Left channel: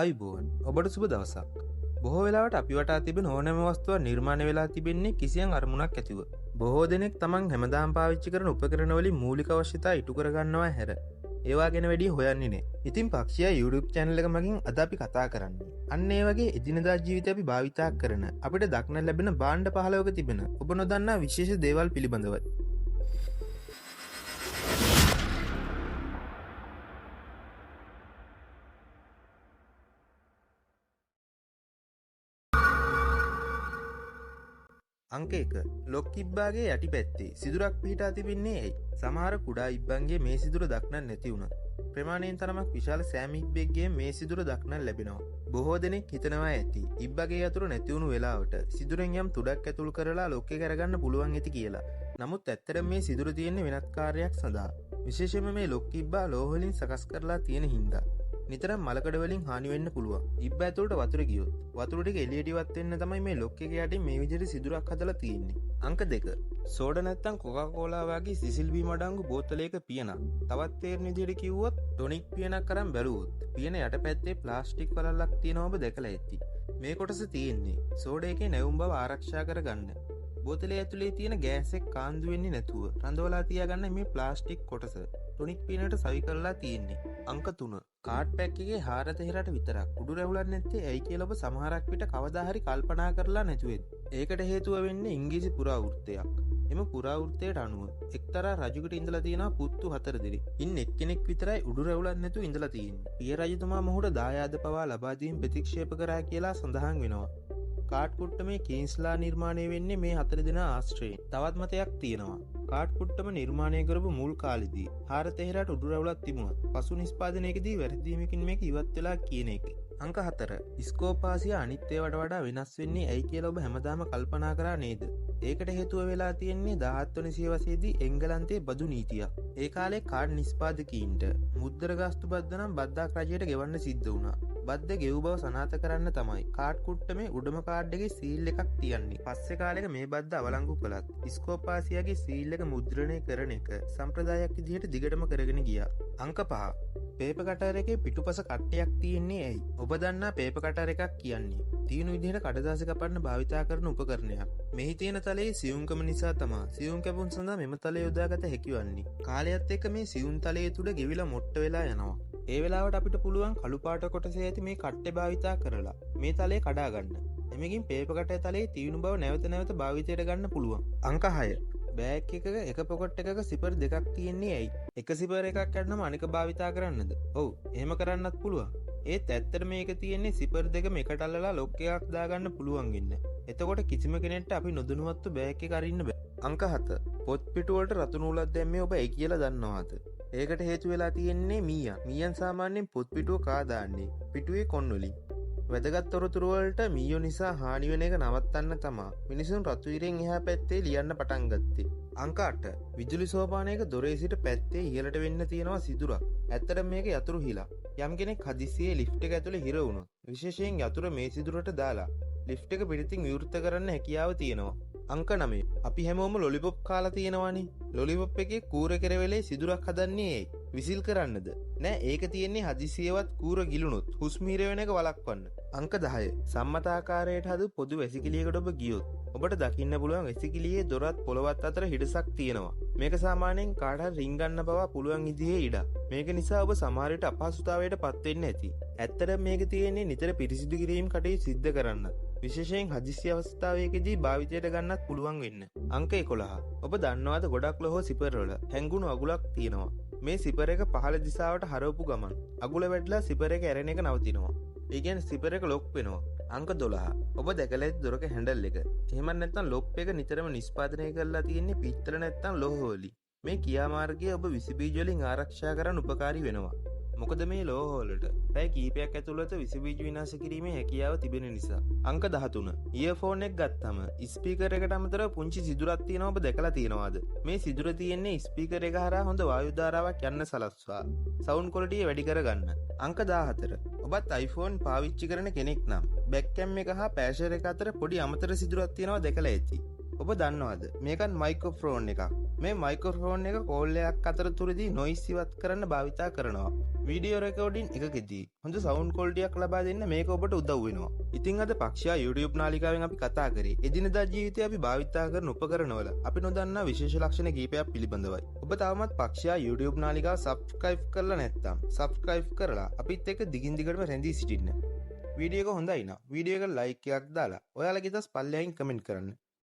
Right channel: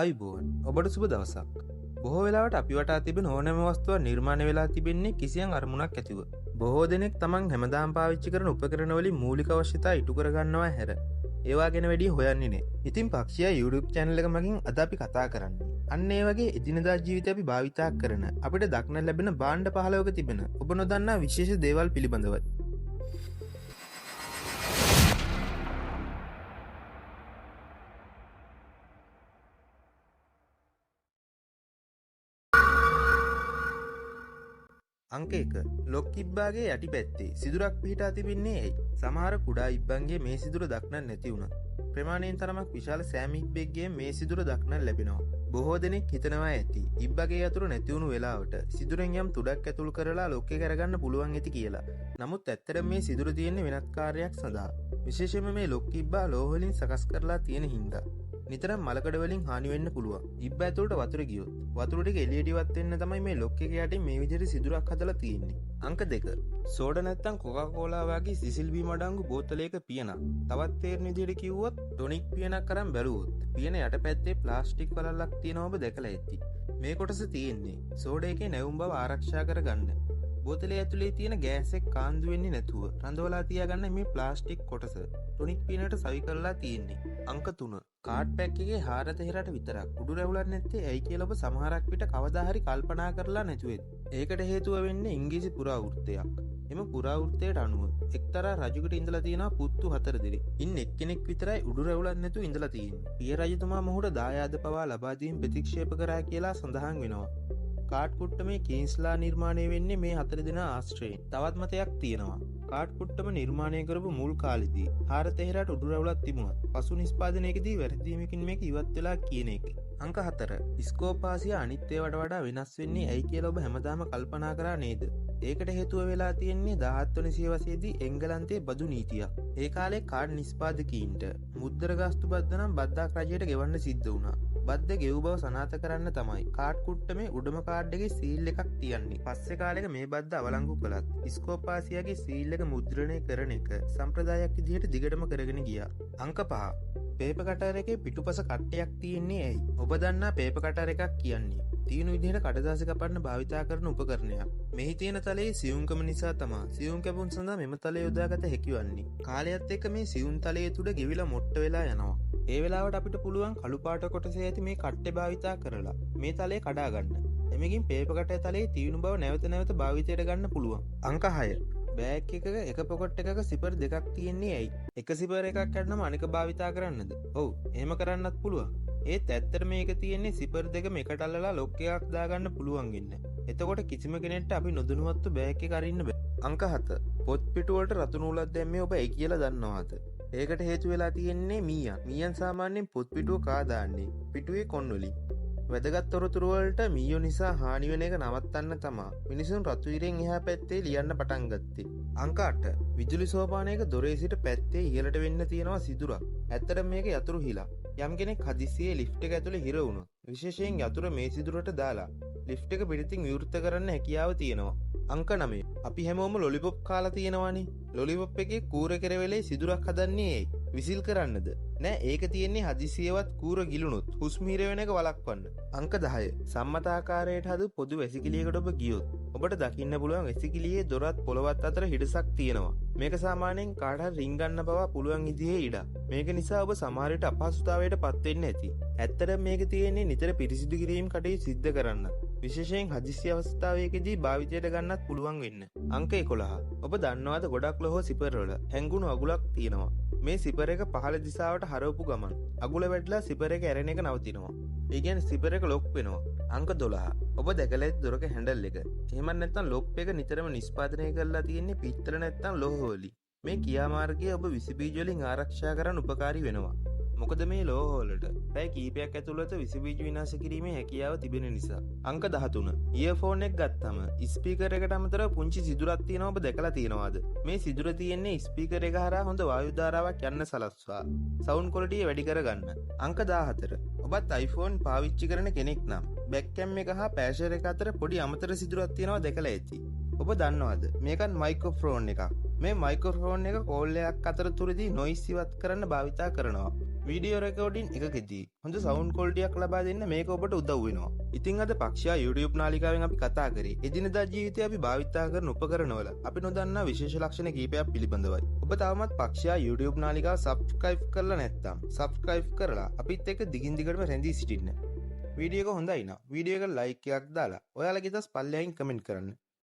අයිබෝන් ඔබට සුබ දවසක්. බොහෝ වෙලාවට අපි වටා තිබෙන ඕනෑම වස්තුවක් නිර්මාණය වෙලා තිබෙන්නේ කිසියම් අරමුණක් ඇතිව. බොහෝ දෙනෙක් තමන් හැමදාම පාවිච්චි කරන උපකරණ වලින් මූලික අවශ්‍යතා ඉටු කරගන්නවා හැර ඒවා ගැන වැඩි හොයන්නේ නෑ. ඉතින් පක්ෂියා YouTube channel එක මගින් අද අපි කතා කරන්නේ අන්න ඒ වගේ එදිනදා ජීවිතේ අපි භාවිතා කරන අපිට දක්න ලැබෙන භාණ්ඩ 15ක තිබෙන ඔබ නොදන්නා විශේෂ දේවල් පිළිබඳවයි. අංක 1 ලොක් ඉබ්බාගේ යටි පැත්තේ සිදුරක් පිහිටා තිබෙන්නේ ඇයි? සමහර කුඩා ඉබ්බන්ගේ මේ සිදුර දක්නන්න නැති වුණා. ප්‍රමාණයෙන් තරමක් විශාල සෑම ඉබ්බෙක්ගේ මේ සිදුර දක්නන්න ලැබෙනවා. බොහෝ දෙනෙක් හිතනවා ඇති ඉබ්බගේ යතුරු නැති වුණු වෙලාවට සිදුරෙන් යම් තුඩක් ඇතුල් කරලා ලොක් එක කරගන්න පුළුවන් ඇති කියලා. නමුත් ඇත්තටම මේ සිදුර තියෙන්නේ වෙනත් කාර්යයක් සඳහා. විශේෂයෙන්ම මේ ලොක් ඉබ්බා ලෝහ වලින් සකස් කරලා තියෙන හින්දා නිතරම මලකඩ වලින් හානි වෙන්න පුළුවන්. ඉබ්බ ඇතුළට වතුර ගියොත් වතුර ටික එළියට ඉවත් වෙන්න තමයි මේ ලොක් එක යටින් මේ විදිහට සිදුරක් හදලා තියෙන්නේ. අංක 2 සෝඩා නැත්තම් කොකාකෝලා වගේ සිසිල් බීම අඩංගු බෝතලයක පියනක්. තවත් තේරෙන විදිහට කිව්වොත් ටොනික් පියනක් අරන් බැලුවොත් පියන යටපැත්තේ ප්ලාස්ටික් වලල්ලක් තියෙනව ඔබ දැකලා ඇති. මේ කොටස තියෙන්නේ සෝඩා එකේ නැවුම් බව ආරක්ෂා කරගන්න. බෝතලේ ඇතුලේ තියෙන ගෑස් එක කාන්දු වෙන්නේ නැතුව රඳවලා තියාගන්න මේ ප්ලාස්ටික් කොටස ටොනික් පියනට සවි කරලා තියෙන්නේ. අංක 3 කාඩ් පැක් එකේ හාර තෙහෙරට විතරක් උඩු රැවුලක් නැත්තේ ඇයි කියලා ඔබ සමහරක් විට කවදා හරි කල්පනා කරලා නැතුවේද? ඒකට හේතුව වෙන්නේ ඉංග්‍රීසි පුරාවෘත්තයක්. එම පුරාවෘත්තයට අනුව එක්තරා රජුකට ඉඳලා තියෙනවා පුත්තු 4 දෙනෙක්. ඉන් එක්කෙනෙක් විතරයි උඩු රැවුලක් නැතුව ඉඳලා තියෙන්නේ. පිය රජතුමා මොහුට දායාද පවා ලබා දීම ප්‍රතික්ෂේප කරා කියලා සඳහන් වෙනවා. කාඩ් කුට්ටමේ කීන්ස්ලා නිර්මාණය වෙන්නේ මේ 4 දෙනා ආශ්‍රයෙන්. තවත් මතයක් තියෙනවා. කාඩ් කුට්ටම නිර්මාණය කරපු මුල් කාලෙදී හාර තෙහෙරට උඩු රැවුලක් තිබුණා. පසු නිෂ්පාදනයේදී වැරදීමකින් මේක ඉවත් වෙලා කියන එක. අංක 4 ස්කෝපාසියා අනිත් ඒවාට වඩා වෙනස් වෙන්නේ ඇයි කියලා ඔබ හැමදාම කල්පනා කරා නේද? ඒකට හේතුව වෙලා තියෙන්නේ 17 වෙනි සියවසේදී එංගලන්තයේ බදු නීතියක්. ඒ කාලේ කාඩ් නිෂ්පාදකීන්ට මුද්දර ගාස්තු බද්ද නම් බද්දක් රජයට ගෙවන්න සිද්ධ වුණා. බද්ද ගෙව් බව සනාථ කරන්න තමයි කාඩ් කුට්ටමේ උඩම කාඩ් එකේ සීල් එකක් තියන්නේ. පස්සේ කාලෙක මේ බද්ද අවලංගු කළත් ස්කෝපාසියාගේ සීල් එක මුද්‍රණය කරන එක සම්ප්‍රදායක් විදිහට දිගටම කරගෙන ගියා. අංක 5 පේපර් කටර් එකේ පිටුපස කට්ටයක් තියෙන්නේ ඇයි? ඔබ දන්නා පේපර් කටර් එකක් කියන්නේ තීනු විදිහට කඩදාසි කපන්න භාවිතා කරන උපකරණයක්. මෙහි තියෙන තලයේ සියුම්කම නිසා තමයි සියුම් කැපුම් සඳහා මෙම තලය යොදාගත හැකි වන්නේ. කාලයත් එක්ක මේ සියුම් තලයේ තුඩ ගෙවිලා මොට්ට වෙලා යනවා. ඒ වෙලාවට අපිට පුළුවන් කළු පාට කොටසේ ඇති මේ කට්ටේ භාවිතා කරලා මේ තලය කඩා ගන්න. එමගින් පේපර් කටර් තලයේ තීනු බව නැවත නැවත භාවිතයට ගන්න පුළුවන්. අංක 6 බෑග් එකක එක පොකට් එකක සිපර් දෙකක් තියෙන්නේ ඇයි? එක සිපර් එකක් කඩනම අනික භාවිතා කරන්නද? ඔව් එහෙම කරන්නත් පුළුවන්. ඒත් ඇත්තට මේක තියෙන්නේ සිපර් දෙකම එකට අල්ලලා ලොක් එකක් දාගන්න පුළුවන් වෙන්න. එතකොට කිසිම කෙනෙක්ට අපි නොදැනුවත්ව බෑග් එක අරින්න බෑ. අංක 7 පොත් පිටු වලට රතු නූලක් දැම්මේ ඔබ ඒ කියලා දන්නවද? ඒකට හේතු වෙලා තියෙන්නේ මීයන්. මීයන් සාමාන්‍යයෙන් පොත් පිටුව කා දාන්නේ පිටුවේ කොන් වලින්. වැදගත් තොරතුරු වලට මීයෝ නිසා හානි වෙන එක නවත්තන්න තමා මිනිසුන් රතු ඉරෙන් එහා පැත්තේ ලියන්න පටන් ගත්තේ. අංක 8 විදුලි සෝපානයක දොරේ සිට පැත්තේ ඉහළට වෙන්න තියෙනවා සිදුරක්. ඇත්තට මේක යතුරු හිලා. යම් කෙනෙක් හදිස්සියේ ලිෆ්ට් එක ඇතුලේ හිර වුණොත් විශේෂයෙන් යතුර මේ සිදුරට දාලා ලිෆ්ට් එක පිටින් විවෘත කරන්න හැකියාව තියෙනවා. අංක 9 අපි හැමෝම ලොලිපොප් කාලා තියෙනවානේ. ලොලිපොප් එකේ කූර කෙරවෙලේ සිදුරක් හදන්නේ ඇයි? විසිල් කරන්නද? නෑ ඒක තියෙන්නේ හදිසියවත් කූර ගිලුණොත් හුස්ම හිර වෙන එක වළක්වන්න. අංක 10 සම්මත ආකාරයට හදු පොදු වැසිකිළියකට ඔබ ගියොත් ඔබට දකින්න පුළුවන් වැසිකිළියේ දොරත් පොළවත් අතර හිඩසක් තියෙනවා. මේක සාමාන්‍යයෙන් කාට හරි රින් ගන්න බව පුළුවන් විදිහේ ඉඩක්. මේක නිසා ඔබ සමහර විට අපහසුතාවයට පත් වෙන්න ඇති. ඇත්තටම මේක තියෙන්නේ නිතර පිරිසිදු කිරීම කටයුතු සිද්ධ කරන්න. විශේෂයෙන් හදිසි අවස්ථාවකදී භාවිතයට ගන්නත් පුළුවන් වෙන්න. අංක 11 ඔබ දන්නවද ගොඩක් ලෝහ සිපර් වල හැංගුණු අගුලක් තියෙනවා. මේ සිපර් එක පහළ දිශාවට හරවපු ගමන් අගුල වැටලා සිපර් එක ඇරෙන එක නවතිනවා. ඒ කියන්නේ සිපර් එක ලොක් වෙනවා. අංක 12 ඔබ දැකලා ඇති දොරක හැන්ඩල් එක. එහෙම නැත්නම් ලොක් එක නිතරම නිෂ්පාදනය කරලා තියෙන්නේ පිත්තල නැත්නම් ලෝහ වලින්. මේ ක්‍රියාමාර්ගය ඔබ විස බීජ වලින් ආරක්ෂා කරන්න උපකාරී වෙනවා. මොකද මේ ලෝහ වලට පැය කීපයක් ඇතුළත විස බීජ විනාශ කිරීමේ හැකියාව තිබෙන නිසා. අංක 13 ඉයර්ෆෝන් එක ගත්තම ස්පීකර් එකට අමතරව පුංචි සිදුරක් තියෙනවා ඔබ දැකලා තියෙනවද? මේ සිදුර තියෙන්නේ ස්පීකර් එක හරහා හොඳ වායු ධාරාවක් යන්න සලස්වා සවුන්ඩ් ක්වොලිටිය වැඩි කරගන්න. අංක 14 ඔබත් iPhone පාවිච්චි කරන කෙනෙක් නම් බෑක් කැම් එක හා පෑෂර් එක අතර පොඩි අමතර සිදුරක් තියෙනවා දැකලා ඇති. ඔබ දන්නවද මේකත් මයික්‍රොෆෝන් එකක්. මේ මයික්‍රොෆෝන් එක කෝල් එකක් අතරතුරදී නොයිස් ඉවත් කරන්න භාවිතා කරනවා. වීඩියෝ රෙකෝඩින් එකකෙදී හොඳ සවුන්් කොල්ටියක් ලබා දෙන්න මේක ඔබට උදව් වෙනවා. ඉතින් අද පක්ෂයා YouTube නාලිකාවෙන් අපි කතා කරේ එදිනදා ජීවිතේ අපි භාවිතා කරන උපකරණවල අපි නොදන්නා විශේෂ ලක්ෂණ කීපයක් පිළිබඳවයි. ඔබ තවමත් පක්ෂයා YouTube නාලිකාව සබ්ස්ක්‍රයිබ් කරලා නැත්නම් සබ්ස්ක්‍රයිබ් කරලා අපිත් එක්ක දිගින් දිගටම රැඳී සිටින්න. වීඩියෝ එක හොඳයි නම් වීඩියෝ එක ලයික් එකක් දාලා ඔයාලගේ දස් පල්ලෙහින් කමෙන්ට් කරන්න.